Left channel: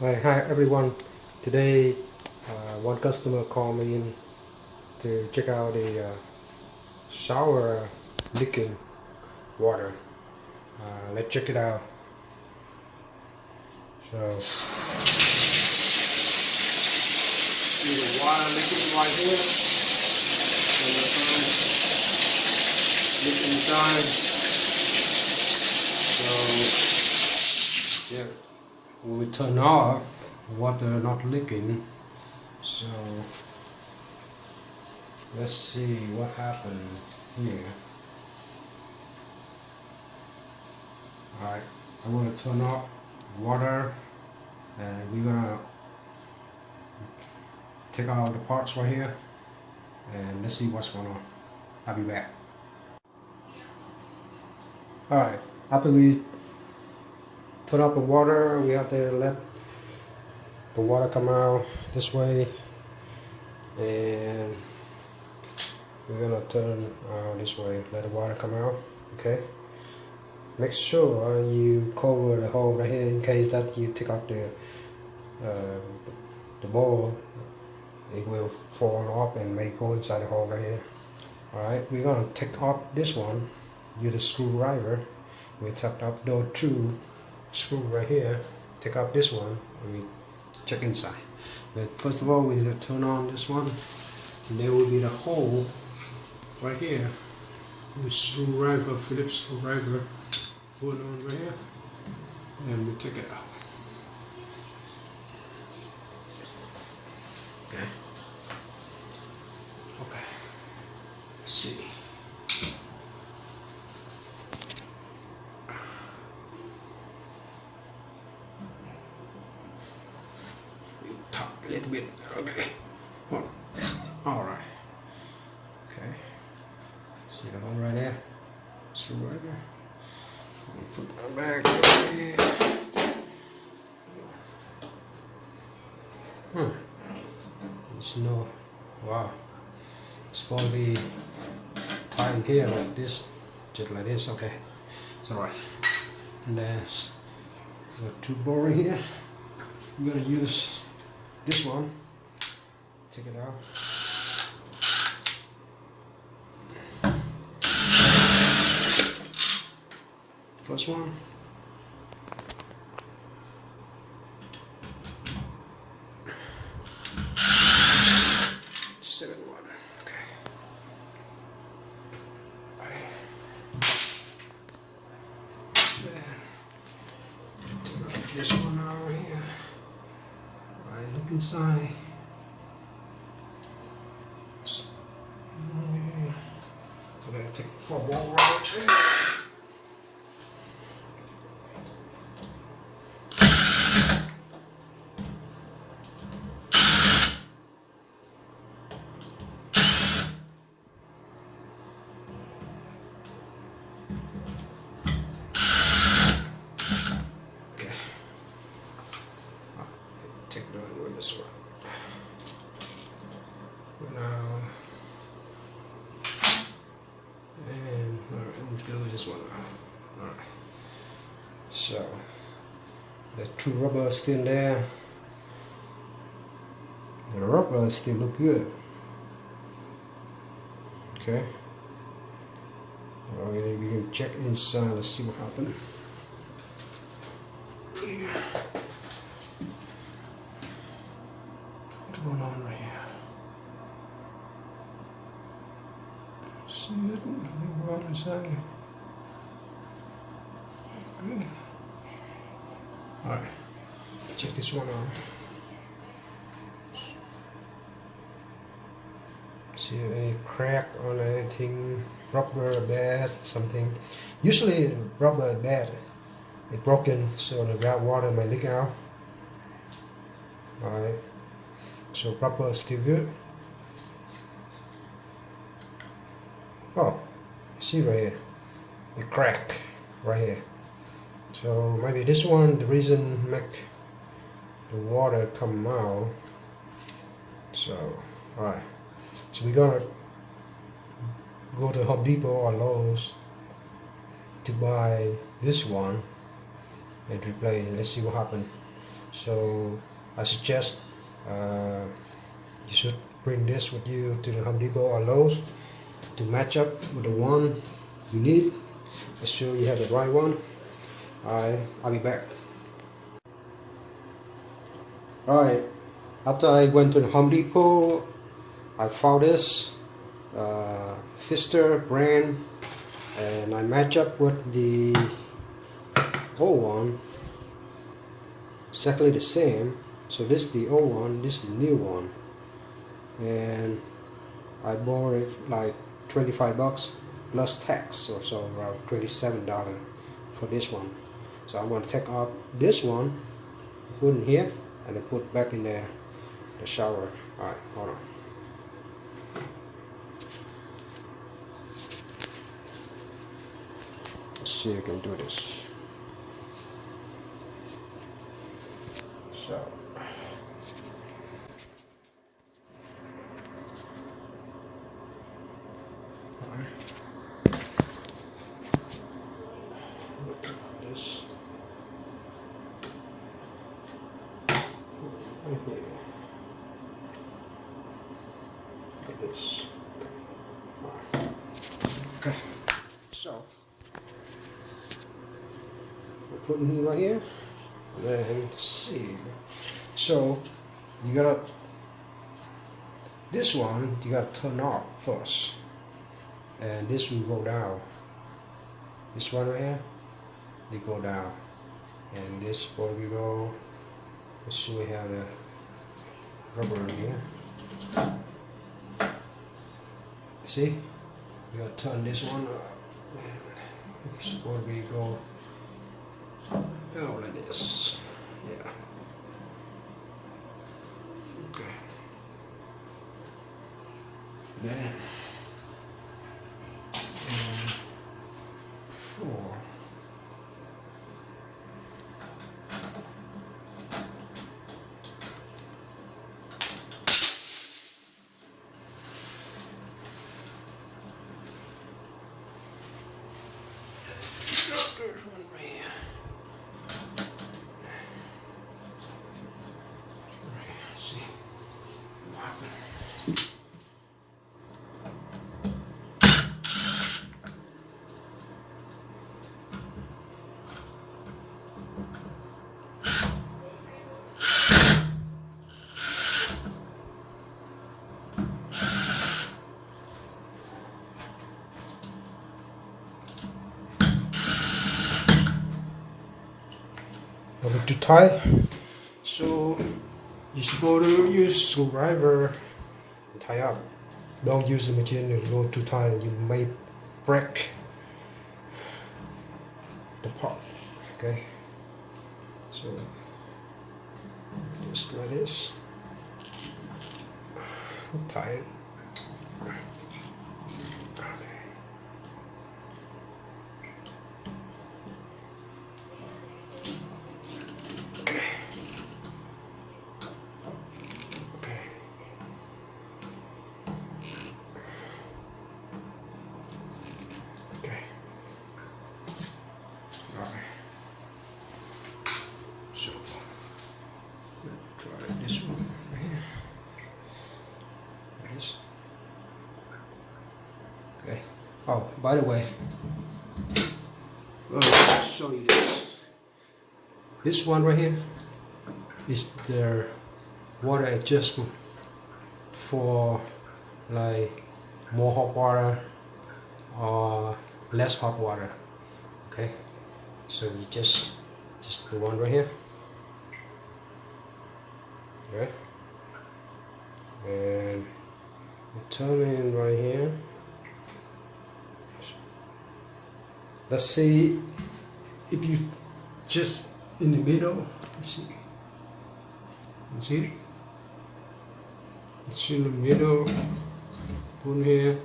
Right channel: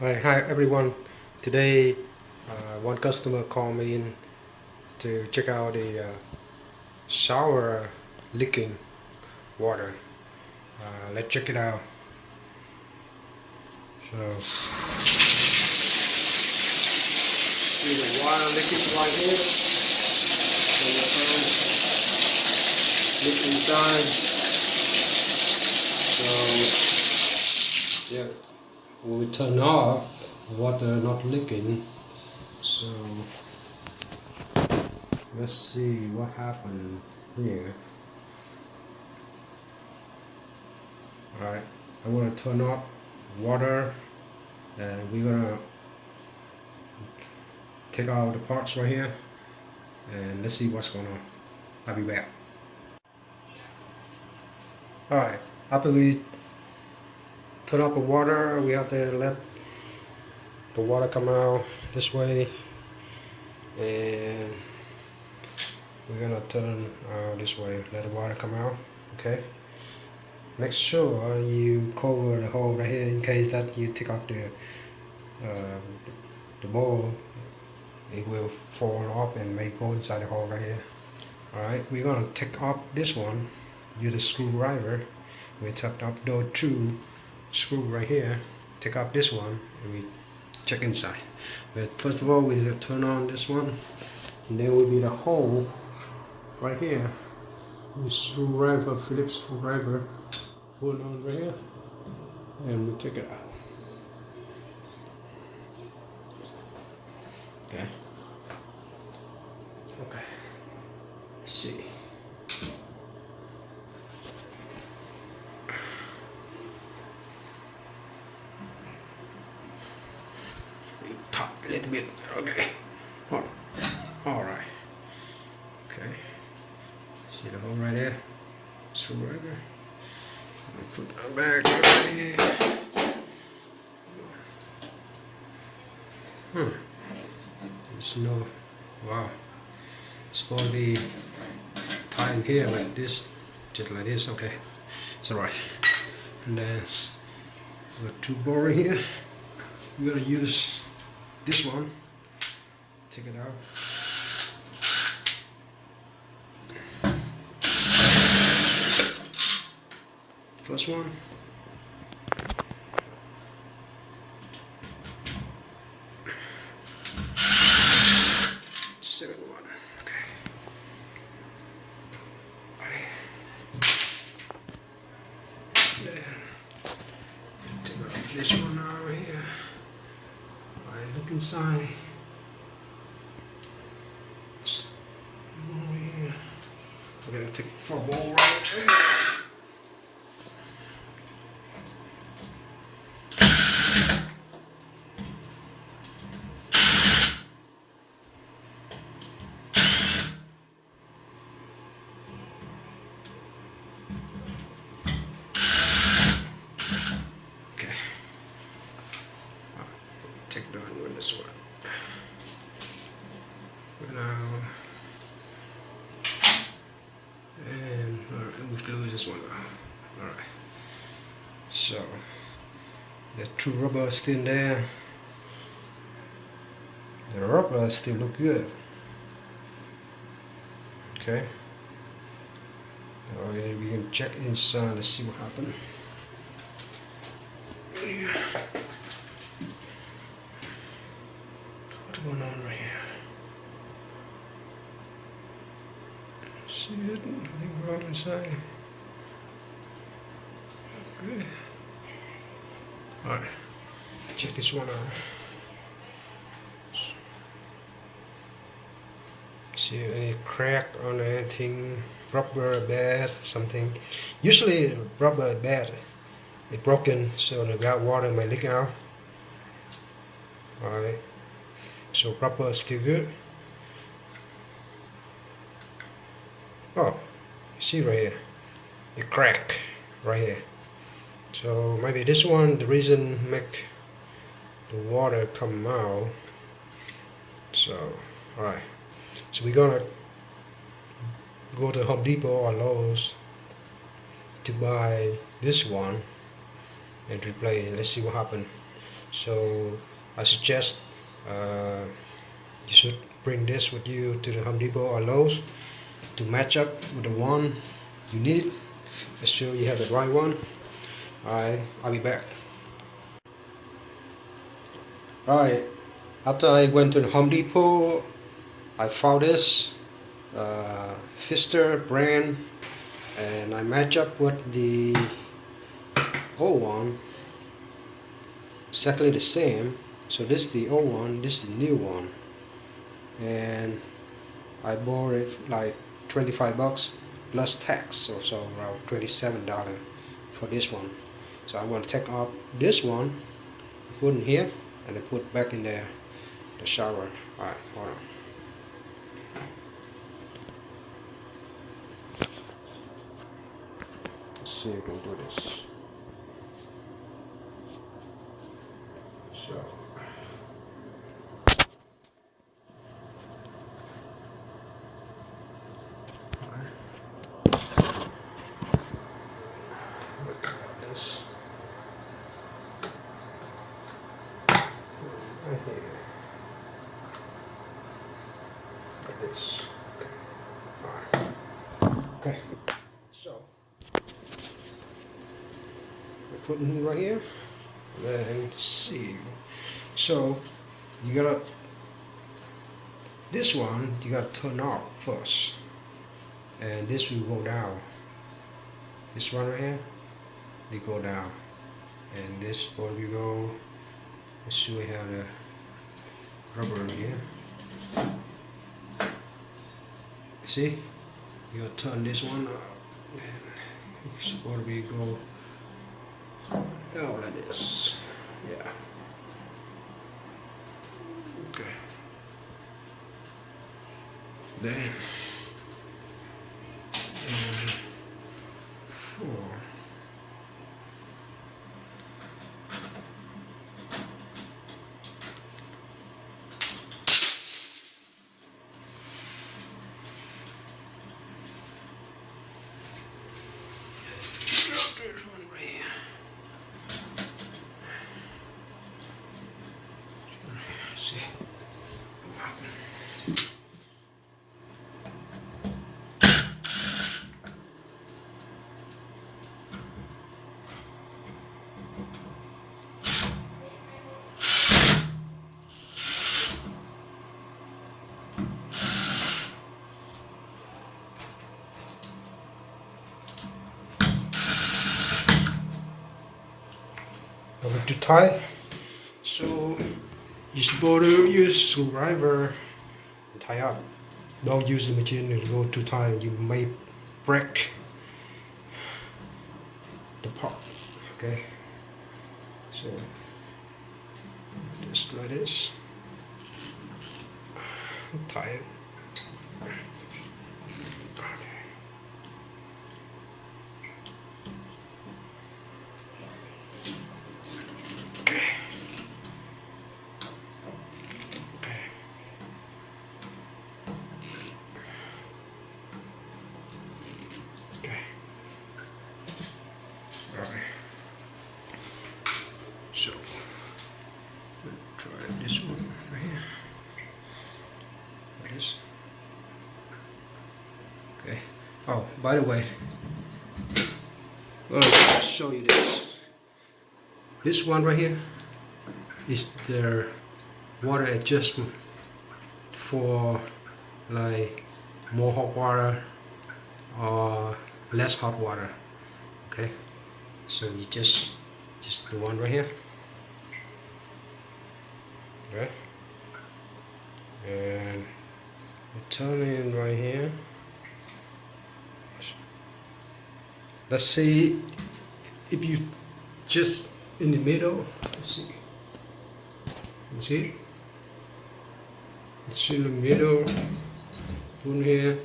Right, hi everyone. Today, one customer called me in to check out the shower leaking water. Let's check it out. So, see the water leaking right here. And leak inside. So, yeah, when we turn off, water not leaking. So, let's see what happened here. Alright, I'm gonna turn off water and we're gonna take out the parts right here and let's see what's going on. I'll be back. Alright, after we turn off the water, we have to let the water come out this way, and we're gonna turn out this way, let the water come out. Okay, make sure you cover the hole right here in case that you take out uh, the bowl, it will fall off and may go inside the hole right here. Alright, we're gonna take off this one, use a screwdriver. We took up those two screws right here, take off this one, and we check inside. But first of all, we have to turn on this one, and there will be the hole right here. With screwdriver, Phillips screwdriver, put it on right here, and we take it out. Okay. Okay. Let's see. Top a little bit. Okay. All right. Okay. See the hole right there? Screwdriver. Put that back right here. There's no. Wow. It's supposed to be tied here like this, just like this. Okay. It's alright. And then with two bore here, we're gonna use this one. Take it out. First one. Second one. Okay. Then take out this one out here. Alright, look inside. We're gonna take it for a wall round. Okay. Take the one with this one. Now, and we lose this one. All right. So the two rubber still there. The rubber still look good. Okay. All right, we can check inside. Let's see what happened. Yeah. What's going on right here? See it? Nothing wrong inside. Okay. Alright. Check this one out. See any crack on anything? Rubber bad, something. Usually rubber bad. It's broken, so the got water might leak out. Alright. So rubber is still good. Oh, you see right here, the crack right here. So maybe this one, the reason make the water come out. So, alright. So we're gonna go to Home Depot or Lowe's to buy this one and replace it. Let's see what happens. So I suggest you should bring this with you to the Home Depot or Lowe's to match up with the one you need. Make sure you have the right one. I'll be back. Alright, after I went to the Home Depot, I found this Pfister brand, and I match up with the old one, exactly the same. So this is the old one, this is the new one, and I bought it like 25 bucks plus tax, so around $27 for this one. So I'm going to take off this one, put in here, and then put back in the shower. Alright, hold on. Let's see if I can do this. So look at this right here, like this. Alright. Okay, so we're putting it right here, and then see. So you gotta, this one you gotta turn off first, and this will go down. This one right here, they go down, and this one will go. Let's see, we have the rubber in here. See, you gotta turn this one up, and it's supposed to be go like this. Yeah. Okay. Then 4. This one right here. See what happened. A bit too tight, so you're supposed to use screwdriver and tie up. Don't use the machine if you go too tight, you may break the part. Okay, so just like this, tie it. So try this one right here. Like this. Okay. Oh, by the way, let me show you this. This one right here is their water adjustment for like more hot water or less hot water. Okay, so you just the one right here. Okay, and you turn in right here. Let's see if you just in the middle. Let's see. You see it? It's in the middle. Put in here.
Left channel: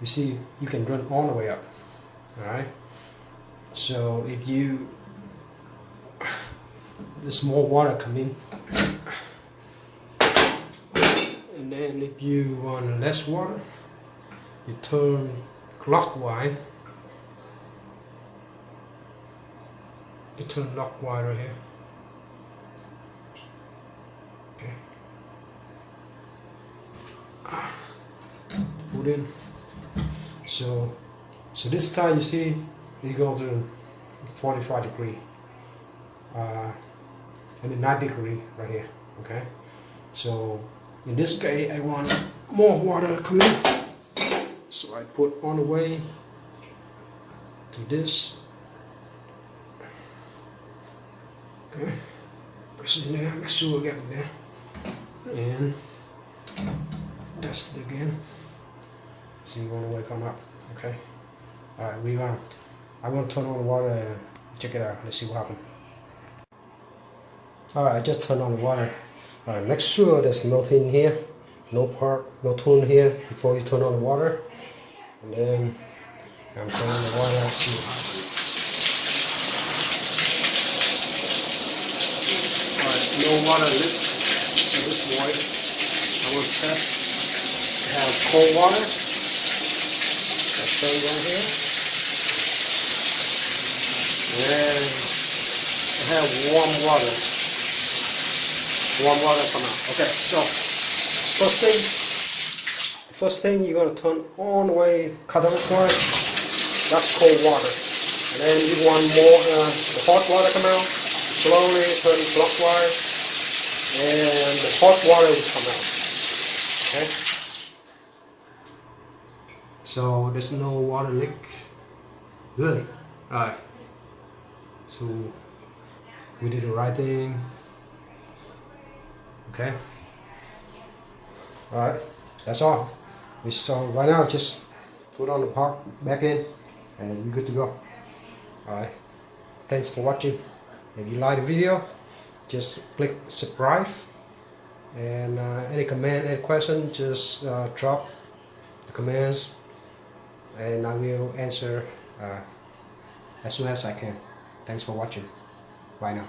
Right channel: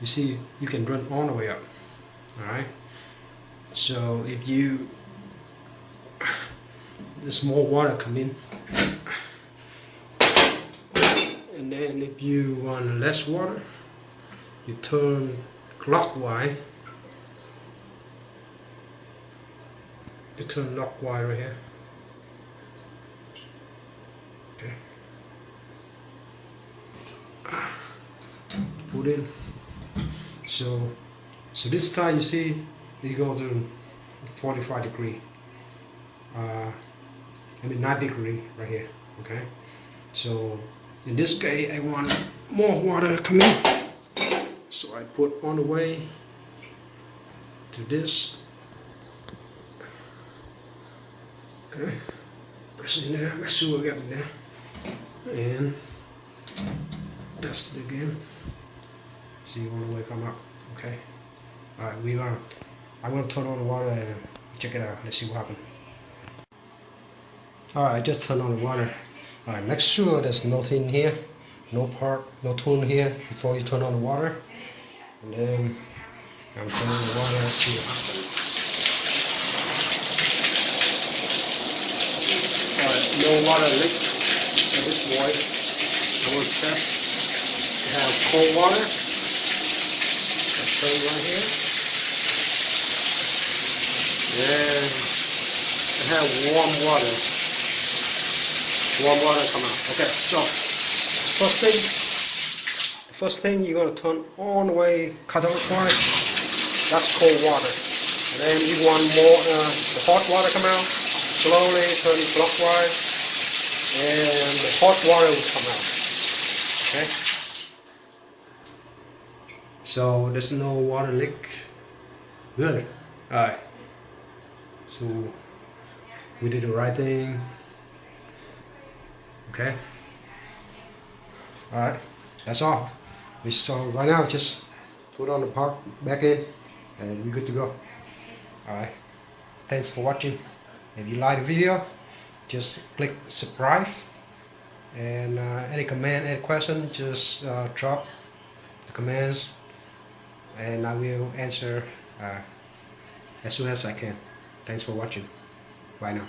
You see, you can run all the way up. All right. So if you there's more water coming, and then if you want less water, you turn clockwise. You turn clockwise right here. Okay. Put in. So this time you see you go to 45 degree. I mean 9 degree right here. Okay. So in this case I want more water coming. So I put on the way to this. Okay. Press in there, make sure we get in there. And test it again. See when the way come up. Okay. Alright, I'm gonna turn on the water and check it out. Let's see what happens. Alright, I just turned on the water. Alright, make sure there's nothing here, no part, no tune here before you turn on the water. And then I'm turning on the water and see what happens. Alright, no water leak at this point. I will test to have cold water. I'll turn right here. And I have warm water. Warm water come out. Okay, so first thing you're gonna turn on the way counterclockwise. That's cold water. And then you want more the hot water come out. Slowly turn clockwise, and the hot water will come out. Okay. So there's no water leak. Good. All right. So we did the right thing. Okay. All right. That's all. So right now, just put on the part back in, and we're good to go. All right. Thanks for watching. If you like the video, just click subscribe. And any comment, any question, just drop the comments, and I will answer as soon as I can. Thanks for watching. Bye now.